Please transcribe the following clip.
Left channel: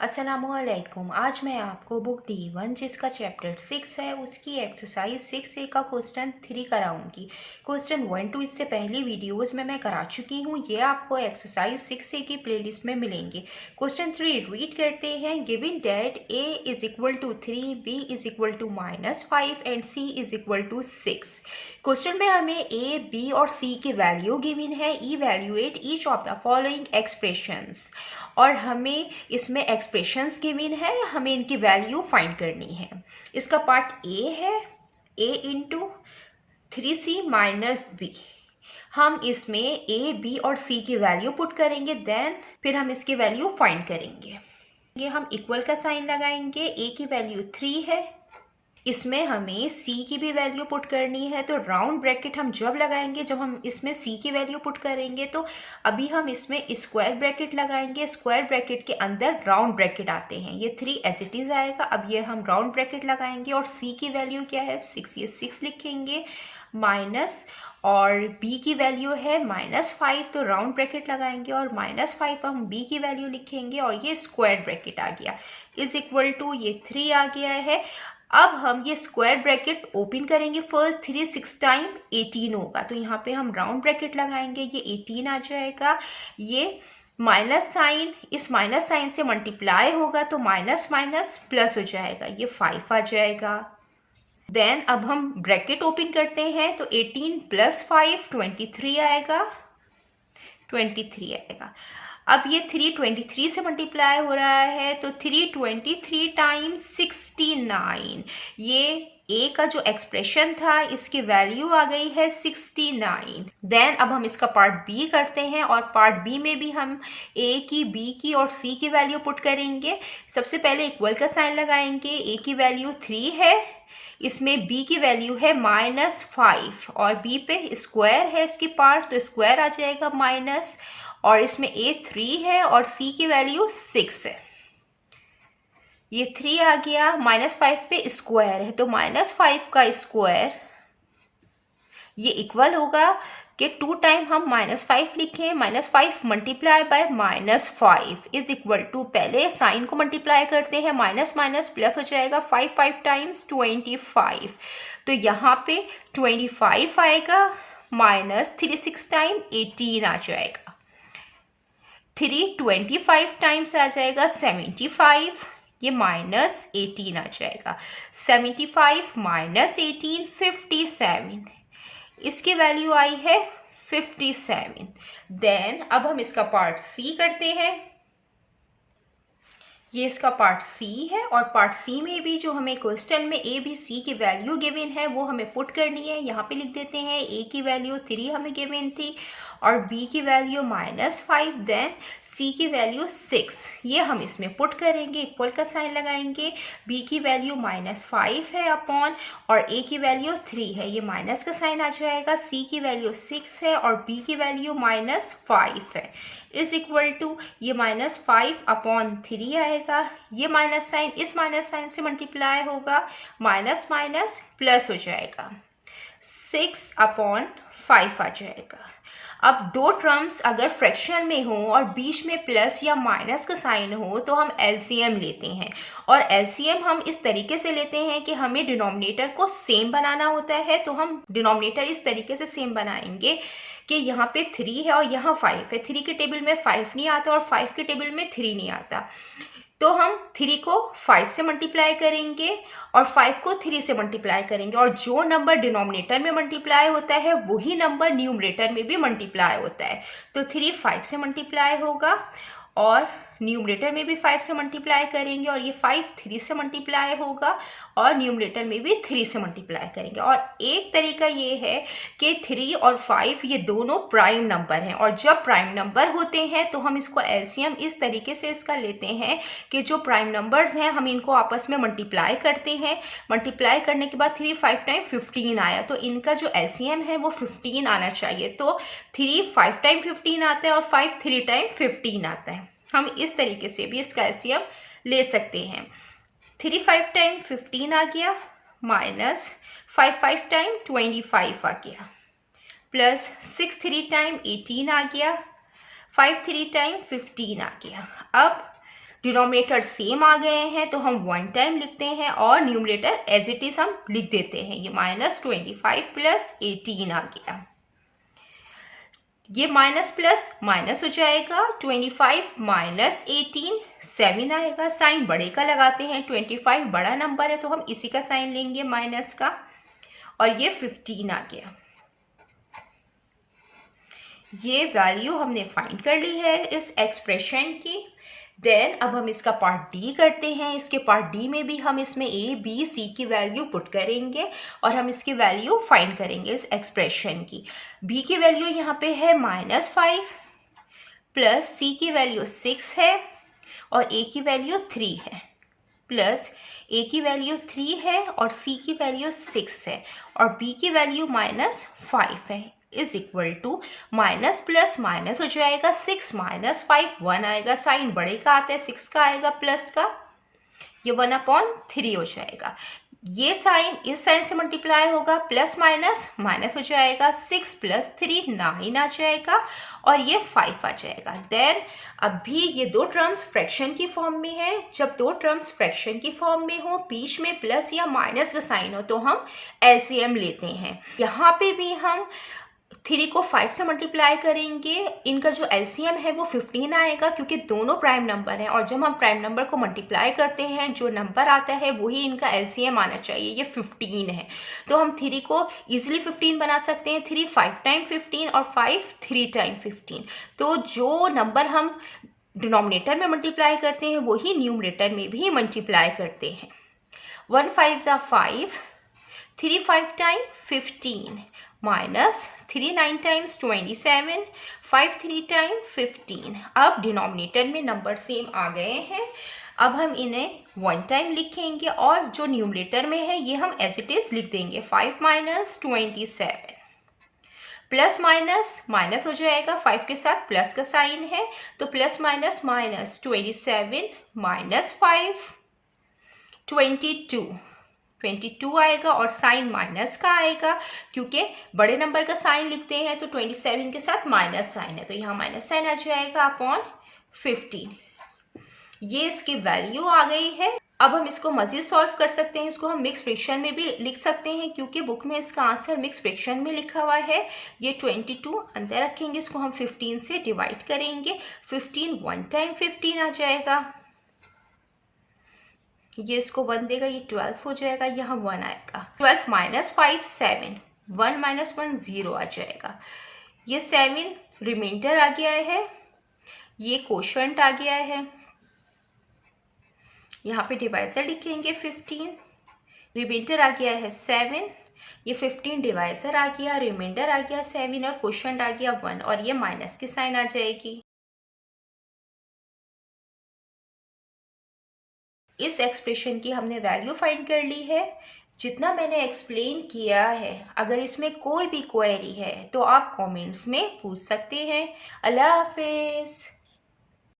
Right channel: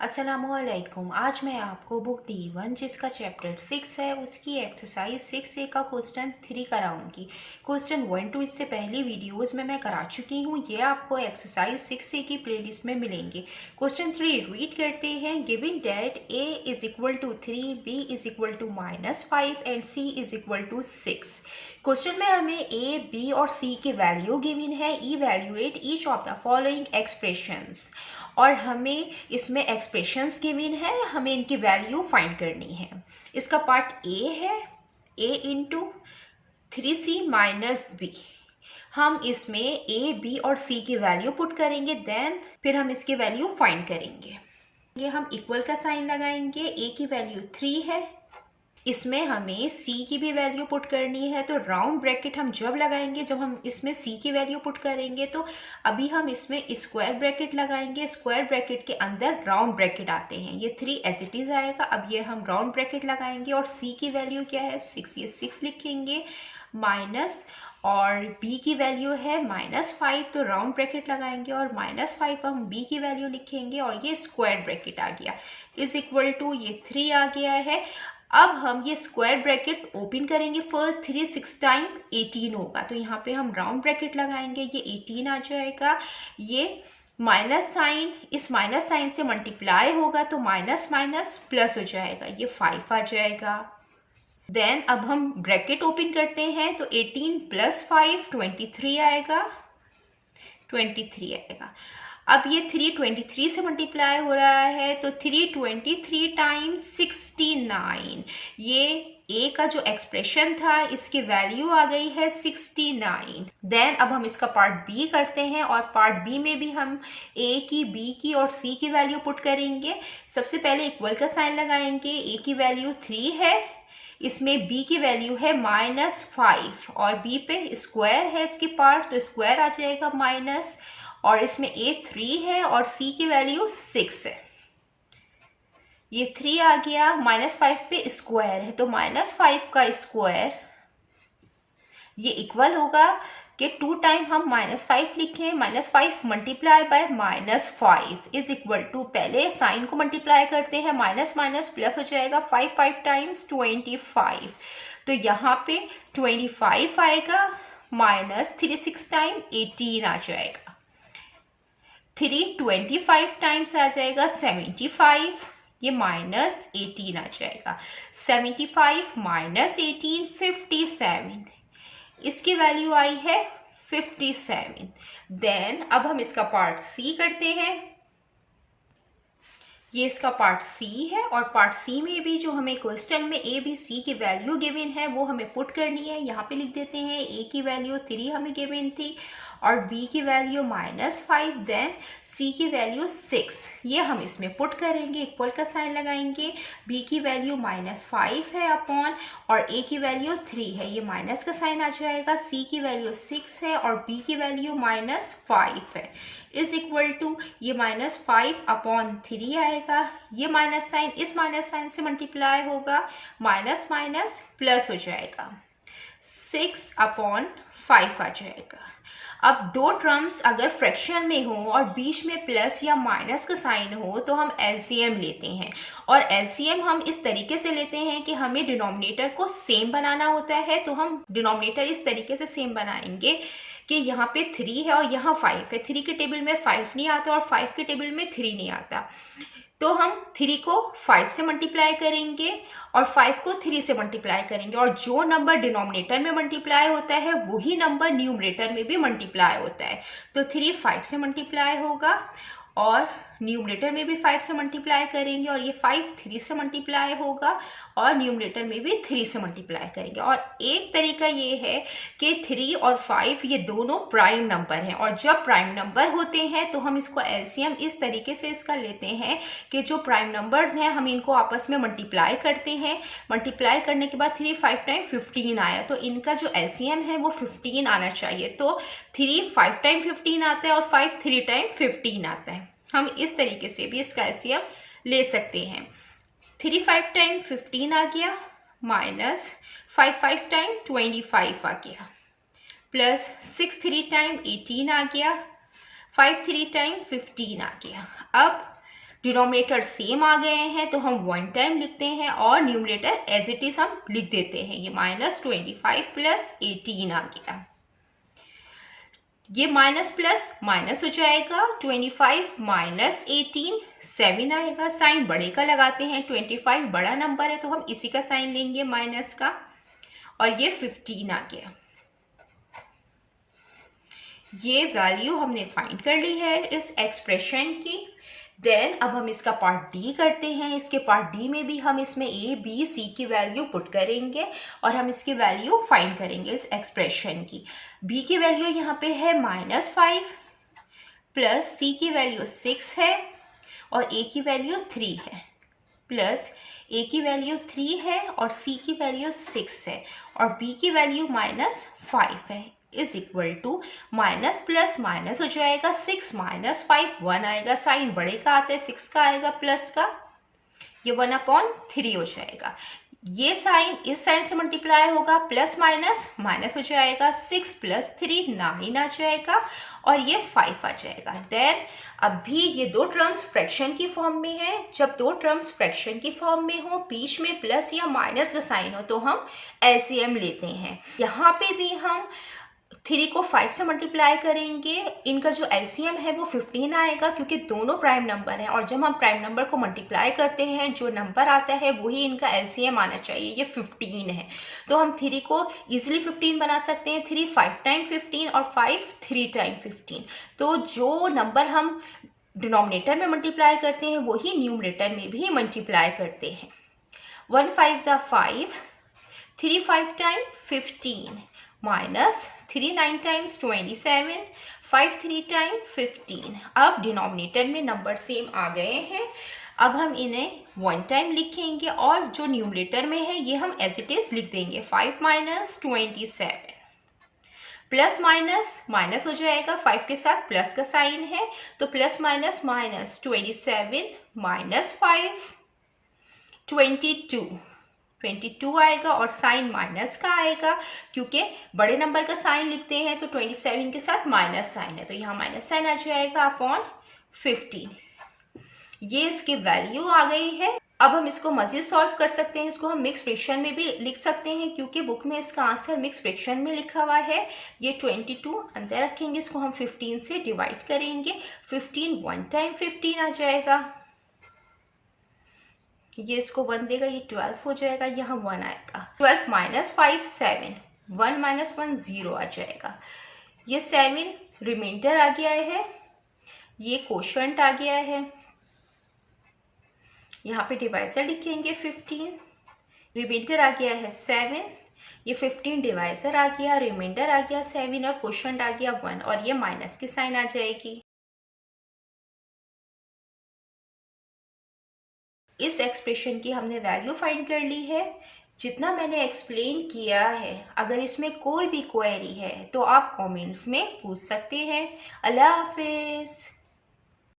अस्सलामुअलैकुम। आज मैं आपको बुक D1 जिसका चैप्टर 6 है उसकी एक्सरसाइज 6A का क्वेश्चन 3 कराऊंगी। क्वेश्चन 1 2 इससे पहली वीडियोस में मैं करा चुकी हूँ, ये आपको एक्सरसाइज 6A की प्लेलिस्ट में मिलेंगे। क्वेश्चन 3 रीड करते हैं। Given data A is equal to 3, B is equal to -5 and C is equal to 6। Question में हमें A, B और C की वैल्यू गिवन है। Evaluate each of the following expressions, और हमें इसमें एक्सप्रेशंस गिवन है, हमें इनकी वैल्यू फाइंड करनी है। इसका पार्ट ए है, a into 3c minus B. हम इसमें a, b और c की वैल्यू पुट करेंगे, देन फिर हम इसकी वैल्यू फाइंड करेंगे। ये हम इक्वल का साइन लगाएंगे। a की वैल्यू 3 है, इसमें हमें c की भी वैल्यू पुट करनी है, तो राउंड ब्रैकेट हम जब लगाएंगे जब हम इसमें c की वैल्यू पुट करेंगे। तो अभी हम इसमें स्क्वायर ब्रैकेट लगाएंगे, स्क्वायर ब्रैकेट के अंदर राउंड ब्रैकेट आते हैं, ये 3 एज इट इज आएगा। अब ये हम राउंड ब्रैकेट लगाएंगे और c की वैल्यू क्या है 6, ये 6 लिखेंगे माइनस, और b की वैल्यू है -5, तो राउंड ब्रैकेट लगाएंगे और -5 हम b की वैल्यू लिखेंगे और ये स्क्वायर ब्रैकेट आ गया, इज इक्वल टू ये 3 आ गया है। अब हम ये स्क्वायर ब्रैकेट ओपन करेंगे, फर्स्ट 3 6 टाइम 18 होगा, तो यहाँ पे हम राउंड ब्रैकेट लगाएंगे, ये 18 आ जाएगा। ये माइनस साइन, इस माइनस साइन से मल्टीप्लाई होगा तो माइनस माइनस प्लस हो जाएगा, ये 5 आ जाएगा। देन अब हम ब्रैकेट ओपन करते हैं, तो 18 + 5 23 आएगा, 23 आएगा। अब ये 3 23 से मल्टीप्लाई हो रहा है, तो 3 23 टाइम्स 69, ये a का जो एक्सप्रेशन था इसकी वैल्यू आ गई है 69। देन अब हम इसका पार्ट b करते हैं, और पार्ट b में भी हम a की, b की और c की वैल्यू पुट करेंगे। सबसे पहले इक्वल का साइन लगाएंगे, a की वैल्यू 3 है, इसमें b की वैल्यू है -5 और b पे स्क्वायर है इसकी पार्ट, तो स्क्वायर आ जाएगा माइनस, और इसमें a 3 है और c की वैल्यू 6 है, ये 3 आ गया। -5 पे स्क्वायर है, तो -5 का स्क्वायर ये इक्वल होगा कि 2 टाइम हम -5 लिखें, -5 multiply by -5 is equal to, पहले साइन को मल्टीप्लाई करते हैं, माइनस माइनस प्लस हो जाएगा, 5 टाइम्स 25, तो यहाँ पे 25 आएगा, माइनस 3 6 टाइम 18 आ जाएगा, 3 25 टाइम्स आ जाएगा 75, ये -18 आ जाएगा, 75 -18 57, इसकी वैल्यू आई है 57। देन अब हम इसका पार्ट सी करते हैं, ये इसका पार्ट सी है, और पार्ट सी में भी जो हमें क्वेश्चन में ए बी सी की वैल्यू गिवन है वो हमें पुट करनी है। यहाँ पे लिख देते हैं ए की वैल्यू 3 हमें गिवन थी, और बी की वैल्यू -5, देन सी की वैल्यू 6, ये हम इसमें पुट करेंगे, इक्वल का साइन लगाएंगे। बी की वैल्यू -5 है अपॉन, और ए की वैल्यू 3 है, ये माइनस का साइन आ जाएगा। सी की वैल्यू 6 है और बी की वैल्यू -5 है, इज इक्वल टू ये -5 अपॉन 3 आएगा, ये माइनस साइन इस माइनस साइन से मल्टीप्लाई होगा, माइनस माइनस प्लस हो जाएगा, 6 अपॉन 5 आ जाएगा। अब दो टर्म्स अगर फ्रैक्शन में हो और बीच में प्लस या माइनस का साइन हो तो हम एलसीएम लेते हैं, और एलसीएम हम इस तरीके से लेते हैं कि हमें डिनोमिनेटर को सेम बनाना होता है, तो हम डिनोमिनेटर इस तरीके से सेम बनाएंगे कि यहाँ पे 3 है और यहाँ 5 है, 3 के टेबल में 5 नहीं आता और 5 के टेबल में 3 नहीं आता, तो हम 3 को 5 से मल्टीप्लाई करेंगे और 5 को 3 से मल्टीप्लाई करेंगे, और जो नंबर डिनोमिनेटर में मल्टीप्लाई होता है वही नंबर न्यूमरेटर में भी मल्टीप्लाई होता है, तो 3 5 से मल्टीप्लाई होगा और न्यूमरेटर में भी 5 से मल्टीप्लाई करेंगे, और ये 5 3 से मल्टीप्लाई होगा और न्यूमरेटर में भी 3 से मल्टीप्लाई करेंगे। और एक तरीका ये है कि 3 और 5 ये दोनों प्राइम नंबर हैं, और जब प्राइम नंबर होते हैं तो हम इसको एलसीएम इस तरीके से इसका लेते हैं कि जो प्राइम नंबर्स हैं हम इनको आपस में मल्टीप्लाई करते हैं, मल्टीप्लाई करने के बाद 3 5 टाइम 15 आया, तो इनका जो एलसीएम है वो 15 आना चाहिए, तो 3 5 टाइम 15 आता है और 5 3 टाइम 15 आता है। हम इस तरीके से भी इसका एलसीएम ले सकते हैं। 3 5 टाइम 15 आ गया, माइनस 5 5 टाइम 25 आ गया, प्लस 6 3 टाइम 18 आ गया, 5 3 टाइम 15 आ गया। अब डिनोमिनेटर सेम आ गए हैं तो हम वन टाइम लिखते हैं और न्यूमरेटर एज इट इज हम लिख देते हैं। ये -25 प्लस 18 आ गया। ये माइनस प्लस माइनस हो जाएगा, 25 माइनस 18 7 आएगा। साइन बड़े का लगाते हैं, 25 बड़ा नंबर है तो हम इसी का साइन लेंगे माइनस का, और ये 15 आ गया। ये वैल्यू हमने फाइंड कर ली है इस एक्सप्रेशन की। देन अब हम इसका पार्ट डी करते हैं। इसके पार्ट डी में भी हम इसमें ए बी सी की वैल्यू पुट करेंगे और हम इसकी वैल्यू फाइंड करेंगे इस एक्सप्रेशन की। बी की वैल्यू यहाँ पे है -5 प्लस सी की वैल्यू 6 है और ए की वैल्यू 3 है, प्लस ए की वैल्यू 3 है और सी की वैल्यू 6 है और बी की वैल्यू -5 है, is equal to minus plus minus हो जाएगा, 6 माइनस 5 1 आएगा। साइन बड़े का आता है, 6 का आएगा प्लस का, ये 1/3 हो जाएगा। ये साइन इस साइन से मल्टीप्लाई होगा, प्लस माइनस माइनस हो जाएगा, 6 प्लस 3 9 आ जाएगा और ये 5 आ जाएगा। देन अभी ये दो टर्म्स फ्रैक्शन की फॉर्म में है। जब दो टर्म्स फ्रैक्शन की फॉर्म में हो, बीच में प्लस या माइनस का साइन हो तो हम एलसीएम लेते हैं। यहाँ पे भी हम 3 को 5 से मल्टीप्लाई करेंगे, इनका जो एलसीएम है वो 15 आएगा क्योंकि दोनों प्राइम नंबर हैं और जब हम प्राइम नंबर को मल्टीप्लाई करते हैं जो नंबर आता है वही इनका एलसीएम आना चाहिए। ये 15 है तो हम 3 को इजीली 15 बना सकते हैं। 3 5 टाइम 15 और 5 3 टाइम 15। तो जो नंबर हम डिनोमिनेटर में मल्टीप्लाई करते हैं वही न्यूमरेटर में भी मल्टीप्लाई करते हैं। 1 5 = 5, 3 5 टाइम 15 माइनस 3 9 टाइम्स 27, 5 3 टाइम 15। अब डिनोमिनेटर में नंबर सेम आ गए हैं। अब हम इन्हें वन टाइम लिखेंगे और जो न्यूमरेटर में है ये हम एज इट इज लिख देंगे। 5 माइनस 27, प्लस माइनस माइनस हो जाएगा, 5 के साथ प्लस का साइन है तो प्लस माइनस माइनस 27 माइनस 5 22 आएगा और साइन माइनस का आएगा क्योंकि बड़े नंबर का साइन लिखते हैं तो 27 के साथ माइनस साइन है तो यहाँ माइनस साइन आ जाएगा अपॉन 15। ये इसकी वैल्यू आ गई है। अब हम इसको मजीद सॉल्व कर सकते हैं। इसको हम मिक्स फ्रैक्शन में भी लिख सकते हैं क्योंकि बुक में इसका आंसर मिक्स फ्रैक्शन में लिखा हुआ है। ये 22 अंदर रखेंगे, इसको हम 15 से डिवाइड करेंगे। 15 1 टाइम 15 आ जाएगा, ये इसको 1 देगा, ये 12 हो जाएगा, यहाँ 1 आएगा। 12 माइनस 5 7, 1 माइनस 1 0 आ जाएगा। ये 7 रिमाइंडर आ गया है, ये कोशंट आ गया है। यहाँ पे डिवाइजर लिखेंगे 15, रिमाइंडर आ गया है 7, ये 15 डिवाइजर आ गया, रिमाइंडर आ गया 7 और कोशंट आ गया 1 और ये माइनस की साइन आ जाएगी। इस एक्सप्रेशन की हमने वैल्यू फाइंड कर ली है। जितना मैंने एक्सप्लेन किया है, अगर इसमें कोई भी क्वेरी है तो आप कमेंट्स में पूछ सकते हैं। अल्लाह हाफिज़।